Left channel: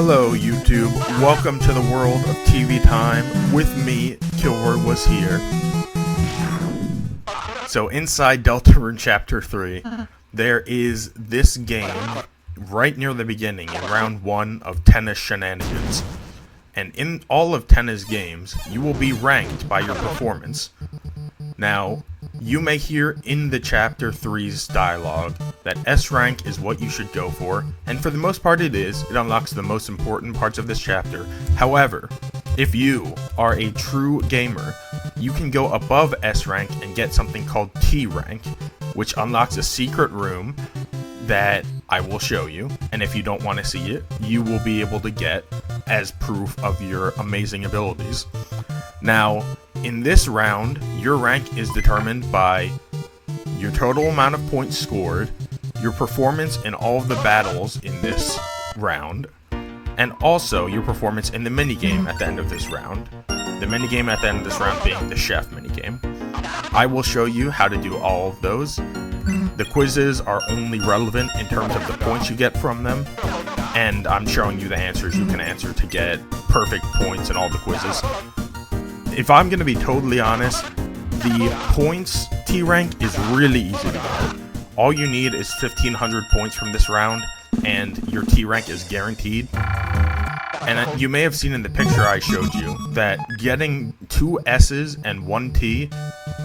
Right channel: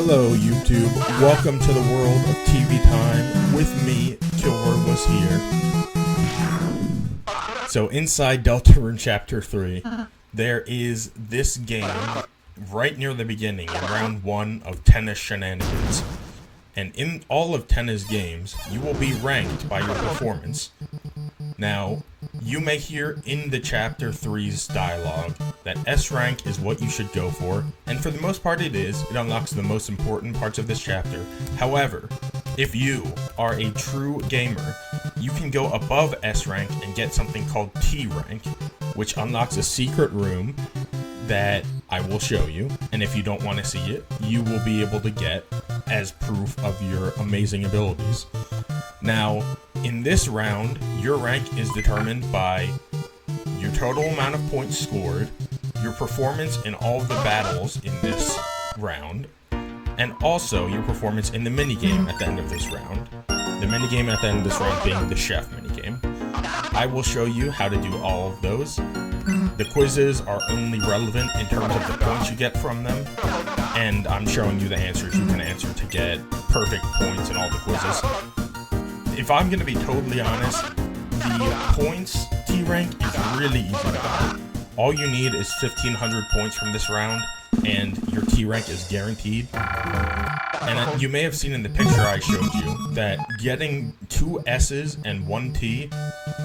Hello YouTube, welcome to the world of TV time. With me, Kilroy was here. So inside Deltarune Chapter 3, there is this game right near the beginning in round 1 of Tennis Shenanigans. And in all of Tennis games, you will be ranked by your performance. Now, you may hear in the Chapter 3's dialogue that S rank is what you should go for, and for the most part it is. It unlocks the most important parts of this chapter. However, if you are a true gamer, you can go above S rank and get something called T rank, which unlocks a secret room that I will show you, and if you don't want to see it, you will be able to get as proof of your amazing abilities. Now, in this round, your rank is determined by your total amount of points scored, your performance in all of the battles in this round, and also your performance in the minigame at the end of this round. The minigame at the end of this round being the chef minigame. I will show you how to do all of those. The quizzes are only relevant in terms of the points you get from them, and I'm showing you the answers you can answer to get perfect points in all the quizzes. If I'm going to be totally honest, the points T rank is really easy to get. All you need is 1,500 points from this round, and your T rank is guaranteed. And you may have seen in the picture I showed you that getting 2 S's and 1 T,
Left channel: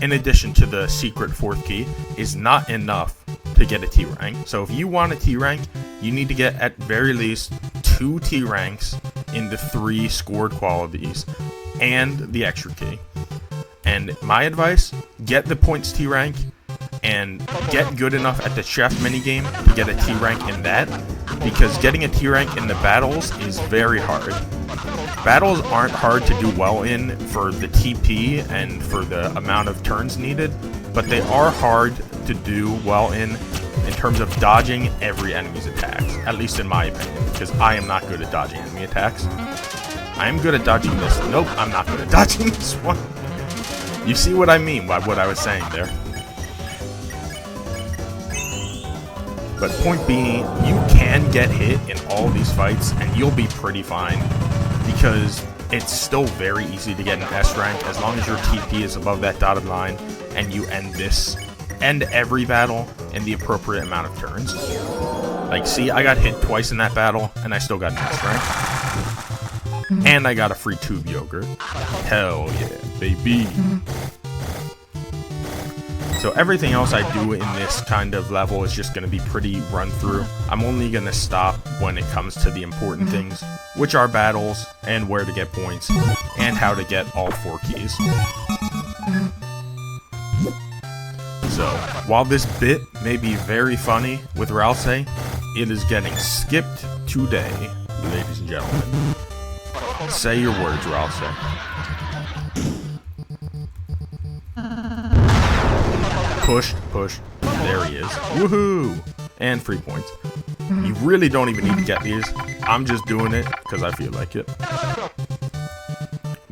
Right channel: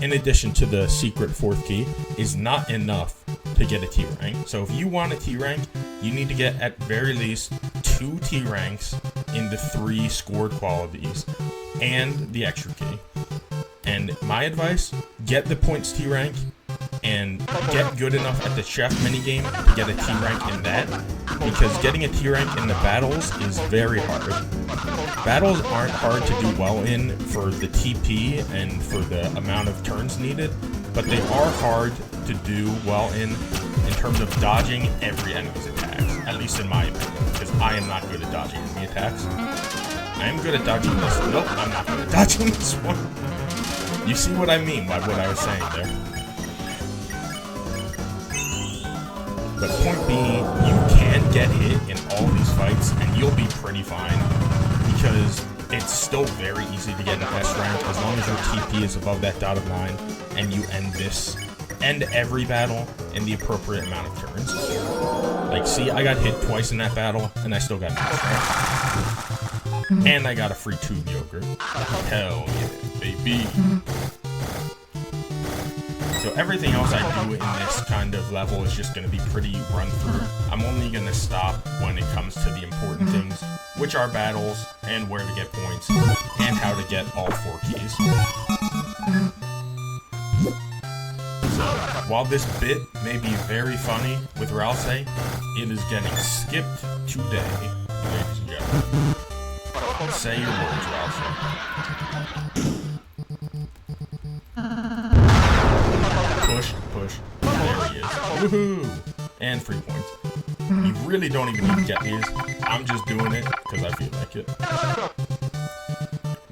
in addition to the secret 4th key, is not enough to get a T rank. So if you want a T rank, you need to get at very least 2 T ranks in the 3 scored qualities and the extra key. And my advice, get the points T rank and get good enough at the chef minigame to get a T rank in that, because getting a T rank in the battles is very hard. Battles aren't hard to do well in for the TP and for the amount of turns needed, but they are hard to do well in terms of dodging every enemy's attacks, at least in my opinion, because I am not good at dodging enemy attacks. I am good at dodging this. Nope, I'm not good at dodging this one. You see what I mean by what I was saying there. But point being, you can get hit in all these fights and you'll be pretty fine, because it's still very easy to get an S rank as long as your TP is above that dotted line and you end every battle in the appropriate amount of turns. Like, see, I got hit twice in that battle and I still got an S rank. And I got a free tube yogurt. Hell yeah, baby. So everything else I do in this kind of level is just going to be pretty run through. I'm only going to stop when it comes to the important things, which are battles and where to get points and how to get all 4 keys. So while this bit may be very funny with Ralse, it is getting skipped today, ladies and gentlemen. Say your words, Ralse. Push, push. There he is. Woohoo! And 3 points. You really don't even need to get these. I'm just doing it because I feel like it.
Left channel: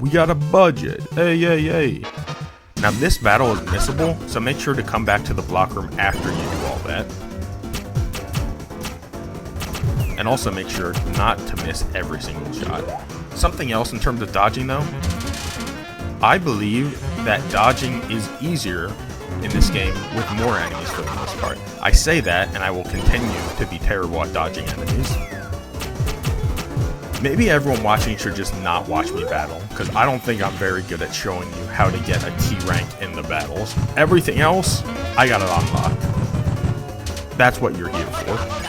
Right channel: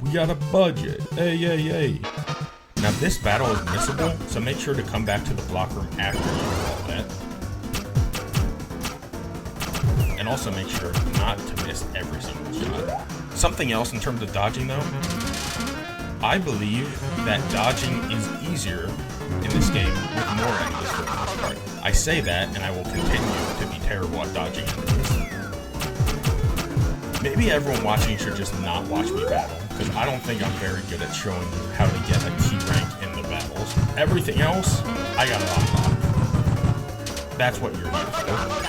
We got a budget. Hey, hey, hey. Now this battle is missable, so make sure to come back to the block room after you do all that. And also make sure not to miss every single shot. Something else in terms of dodging though, I believe that dodging is easier in this game with more enemies for the most part. I say that, and I will continue to be terrible at dodging enemies. Maybe everyone watching should just not watch me battle, because I don't think I'm very good at showing you how to get a T rank in the battles. Everything else, I got it on lock. That's what you're here for.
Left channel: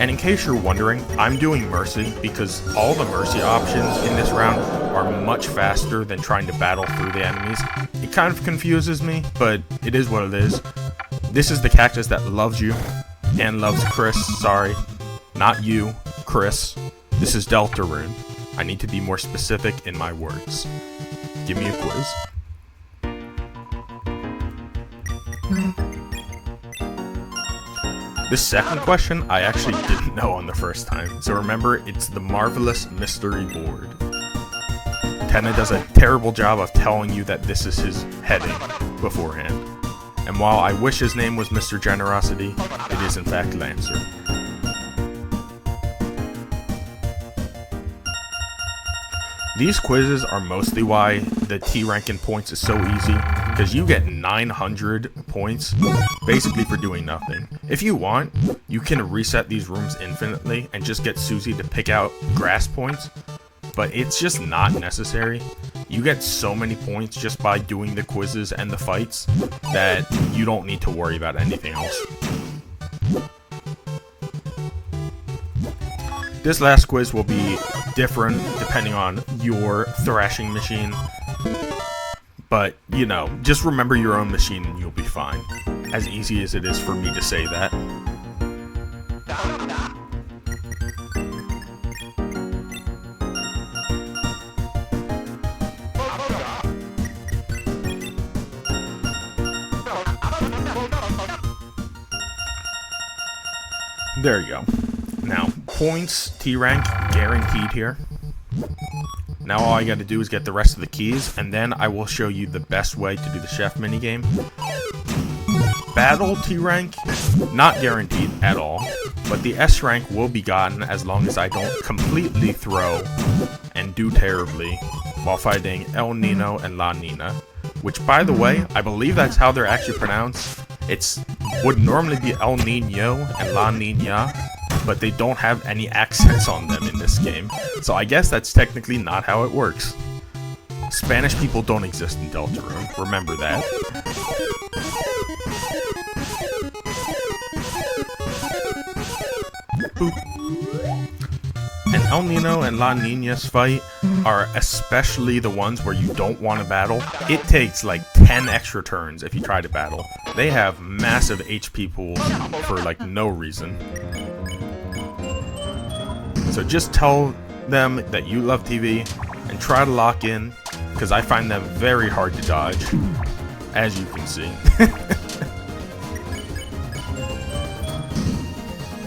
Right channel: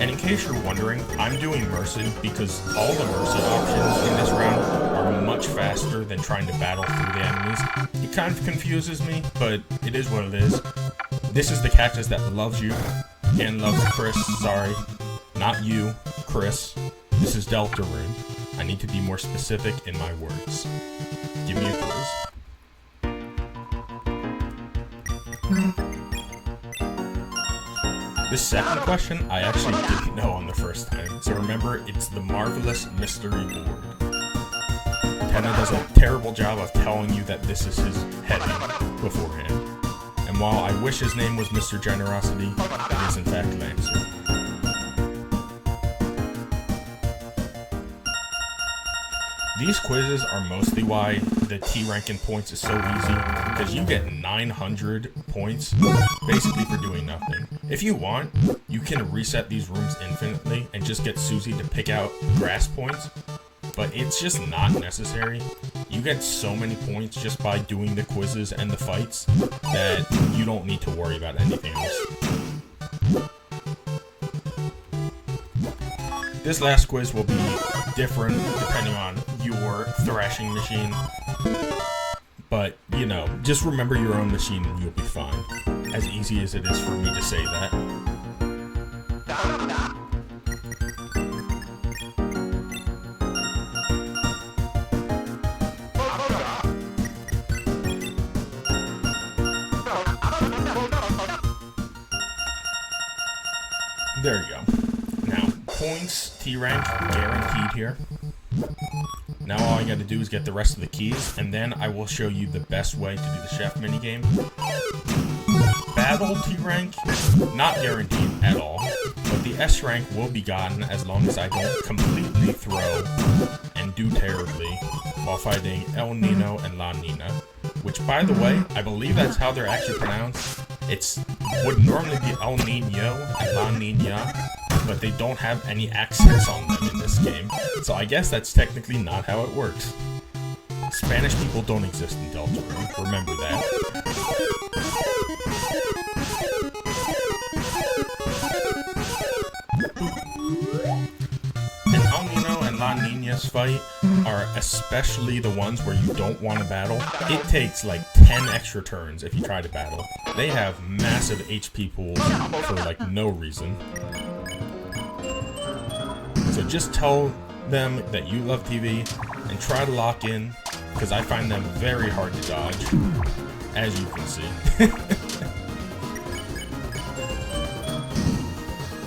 And in case you're wondering, I'm doing Mercy because all the Mercy options in this round are much faster than trying to battle through the enemies. It kind of confuses me, but it is what it is. This is the cactus that loves you, and loves Chris, sorry. Not you, Chris. This is Deltarune. I need to be more specific in my words. Give me a quiz. The second question I actually didn't know on the first time, so remember, it's the Marvelous Mystery Board. Tenna does a terrible job of telling you that this is his heading beforehand. And while I wish his name was Mr. Generosity, it is in fact Lancer. These quizzes are mostly why the T rank in points is so easy, because you get 900 points basically for doing nothing. If you want, you can reset these rooms infinitely and just get Susie to pick out grass points, but it's just not necessary. You get so many points just by doing the quizzes and the fights that you don't need to worry about anything else. This last quiz will be different depending on your thrashing machine, but you know, just remember your own machine and you'll be fine. As easy as it is for me to say that. There you go. Now, points, T rank, guaranteed here. Now all I gotta do is get the rest of the keys, and then I will show you the best way to do the chef minigame. Battle T rank, not guaranteed at all, but the S rank will be gotten as long as I don't completely throw and do terribly while fighting El Nino and La Nina, which, by the way, I believe that's how they're actually pronounced. Would normally be El Nino and La Nina, but they don't have any accents on them in this game, so I guess that's technically not how it works. Spanish people don't exist in Deltarune, remember that. And El Nino and La Nina's fight are especially the ones where you don't want to battle. It takes like 10 extra turns if you try to battle. They have massive HP pools for like no reason. So just tell them that you love TV and try to lock in, because I find them very hard to dodge, as you can see.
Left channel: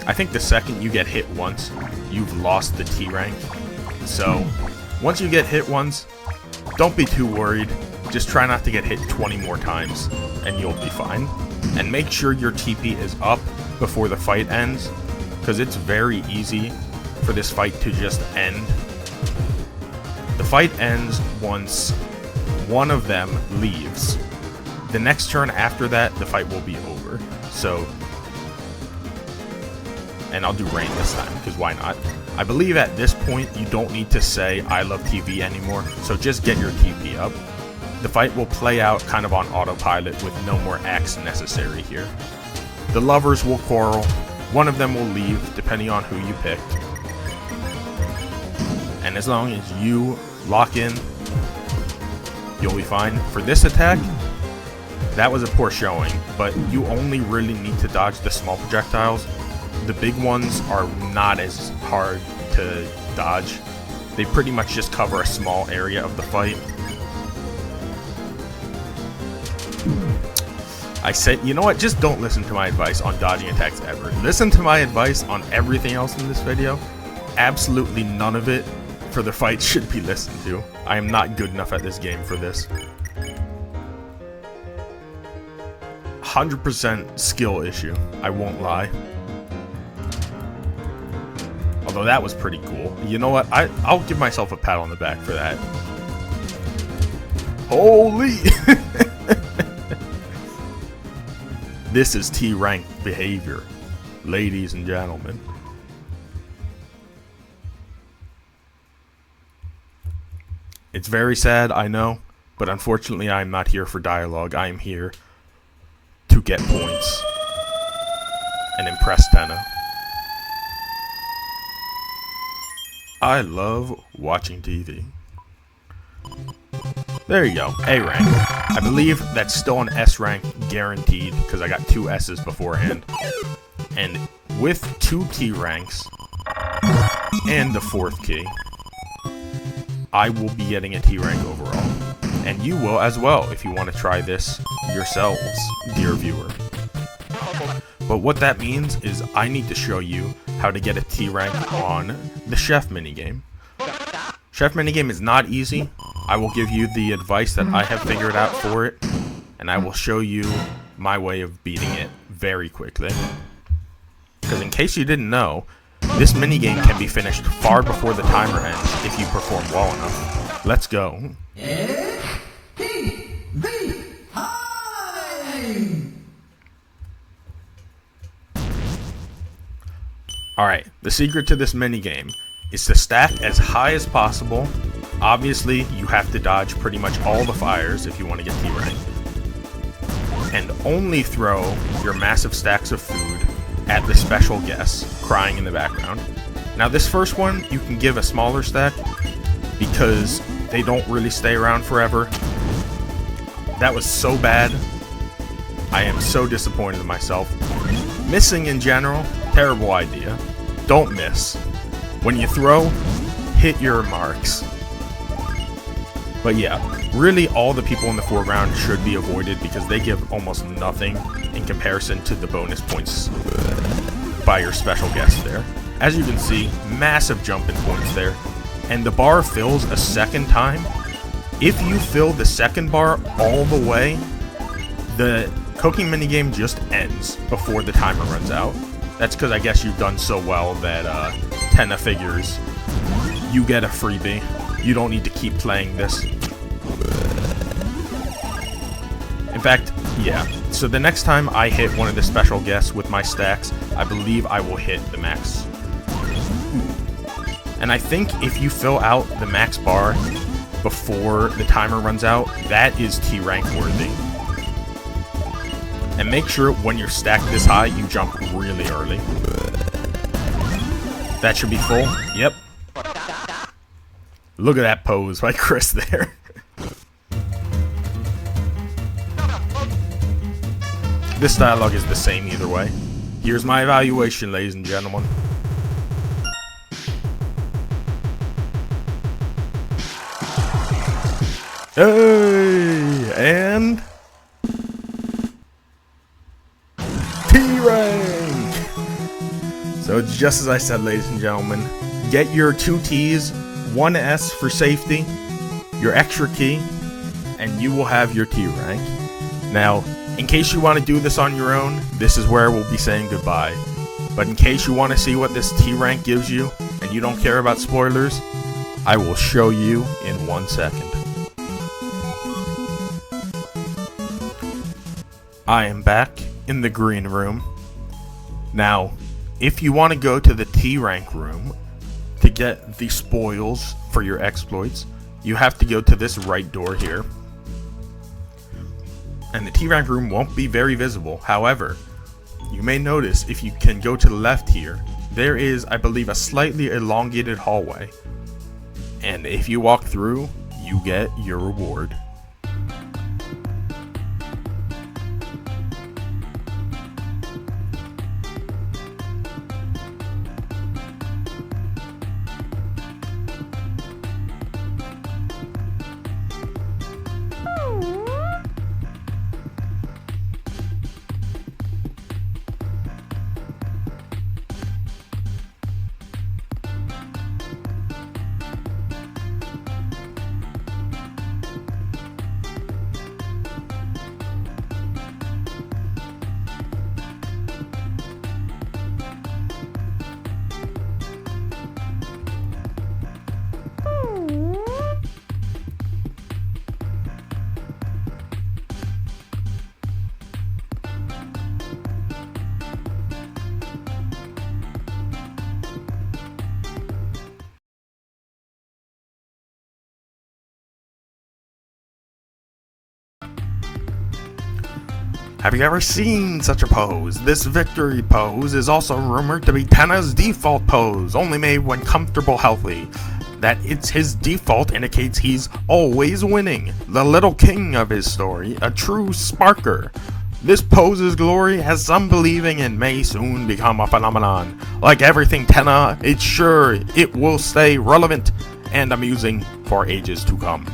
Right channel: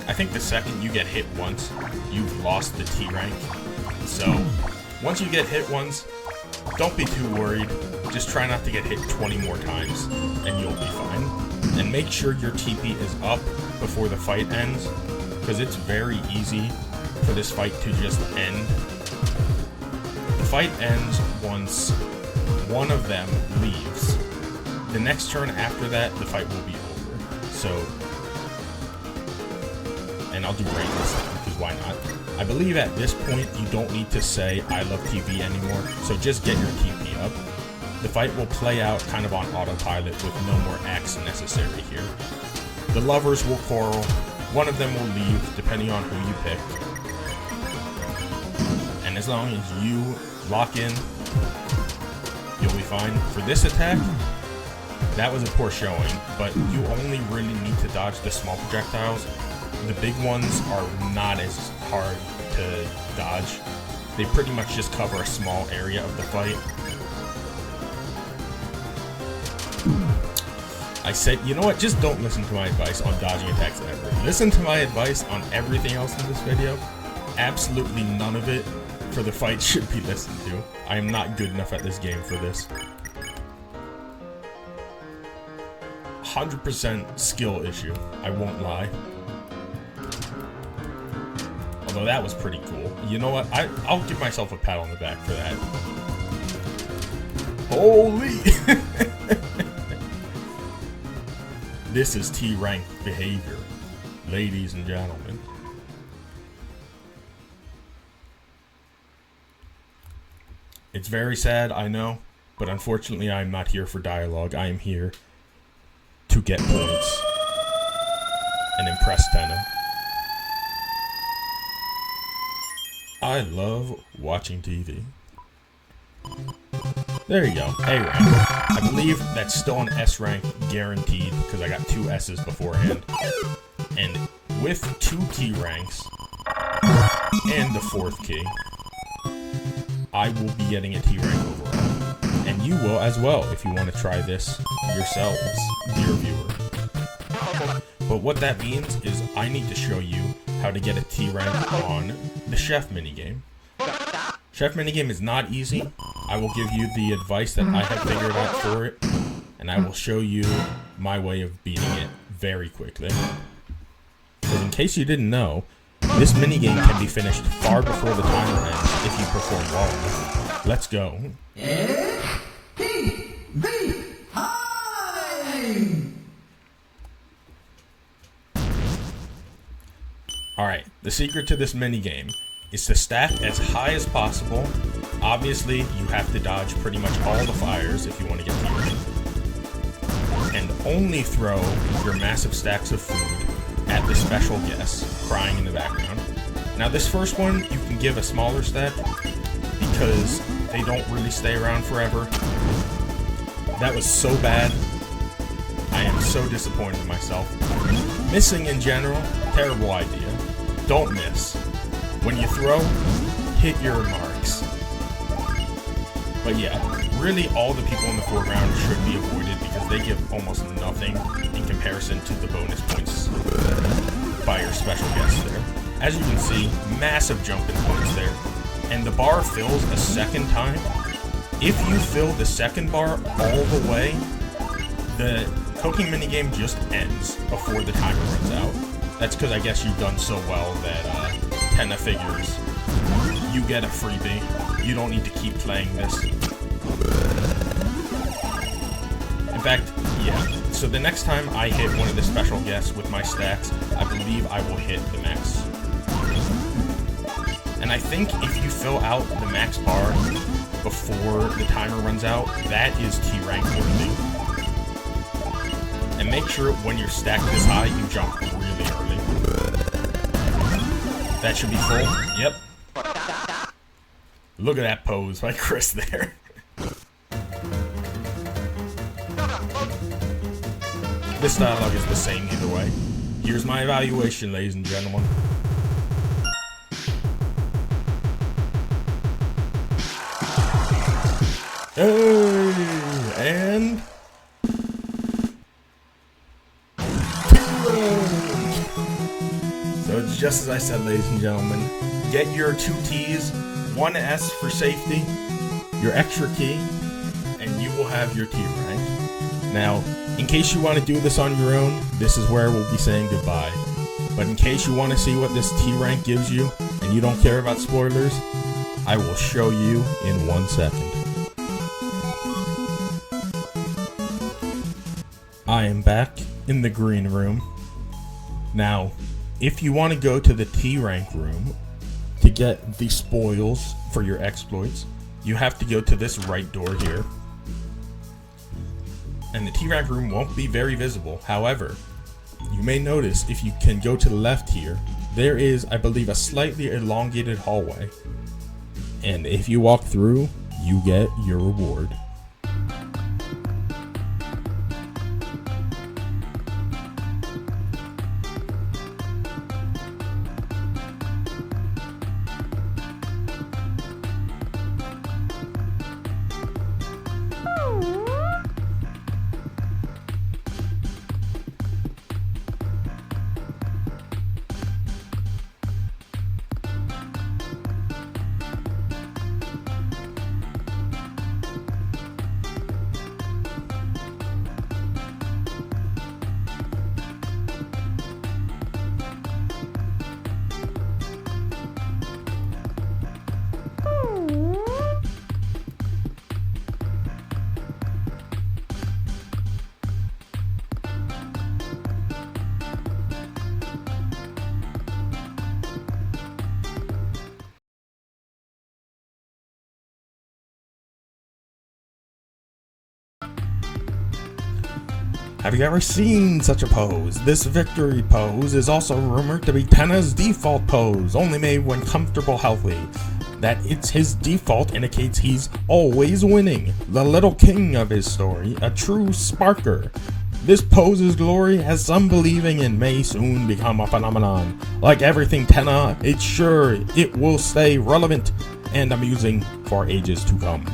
I think the second you get hit once, you've lost the T rank. So once you get hit once, don't be too worried. Just try not to get hit 20 more times and you'll be fine. And make sure your TP is up before the fight ends, because it's very easy for this fight to just end. The fight ends once one of them leaves. The next turn after that, the fight will be over. So, and I'll do rain this time, because why not? I believe at this point you don't need to say I love TV anymore, so just get your TP up. The fight will play out kind of on autopilot with no more acts necessary here. The lovers will quarrel, one of them will leave depending on who you pick. And as long as you lock in, you'll be fine. For this attack, that was a poor showing, but you only really need to dodge the small projectiles. The big ones are not as hard to dodge. They pretty much just cover a small area of the fight. I said, you know what, just don't listen to my advice on dodging attacks ever. Listen to my advice on everything else in this video. Absolutely none of it for the fight should be listened to. I am not good enough at this game for this. 100% skill issue, I won't lie. Although that was pretty cool. You know what, I'll give myself a pat on the back for that. Holy! This is T-rank behavior, ladies and gentlemen. It's very sad, I know, but unfortunately I am not here for dialogue. I am here to get points and impress Tenna. I love watching TV. There you go, A rank. I believe that's still an S rank guaranteed, because I got 2 S's beforehand. And with 2 T ranks and the 4th key, I will be getting a T rank overall. And you will as well if you want to try this yourselves, dear viewer. But what that means is I need to show you how to get a T rank on the chef minigame. Chef minigame is not easy. I will give you the advice that I have figured out for it, and I will show you my way of beating it very quickly. Because in case you didn't know, this minigame can be finished far before the timer ends if you perform well enough. Let's go. Alright, the secret to this minigame is to stack as high as possible. Obviously, you have to dodge pretty much all the fires if you want to get T-rank. And only throw your massive stacks of food at the special guests crying in the background. Now this first one, you can give a smaller stack because they don't really stay around forever. That was so bad. I am so disappointed in myself. Missing in general, terrible idea. Don't miss. When you throw, hit your marks. But yeah, really all the people in the foreground should be avoided because they give almost nothing in comparison to the bonus points by your special guest there. As you can see, massive jump in points there. And the bar fills a second time. If you fill the second bar all the way, the cooking minigame just ends before the timer runs out. That's because I guess you've done so well that Tenna figures you get a freebie. You don't need to keep playing this. In fact, yeah. So the next time I hit one of the special guests with my stacks, I believe I will hit the max. And I think if you fill out the max bar before the timer runs out, that is T-rank worthy. And make sure when you're stacked this high, you jump really early. That should be full. Yep. Look at that pose by Chris there. This dialogue is the same either way. Here's my evaluation, ladies and gentlemen. Hey, and T-rank. So it's just as I said, ladies and gentlemen. Get your 2 T's, 1 S for safety, your extra key, and you will have your T-rank. Now, in case you want to do this on your own, this is where we'll be saying goodbye. But in case you want to see what this T-rank gives you, and you don't care about spoilers, I will show you in 1 second. I am back in the green room. Now, if you want to go to the T-rank room to get the spoils for your exploits, you have to go to this right door here. And the T-rank room won't be very visible. However, you may notice if you can go to the left here, there is, I believe, a slightly elongated hallway. And if you walk through, you get your reward. Have you ever seen such a pose? This victory pose is also rumored to be Tenna's default pose, only made when comfortable healthy. That it's his default indicates he's always winning, the little king of his story, a true sparker. This pose's glory has some believing and may soon become a phenomenon. Like everything Tenna, it's sure it will stay relevant and amusing for ages to come.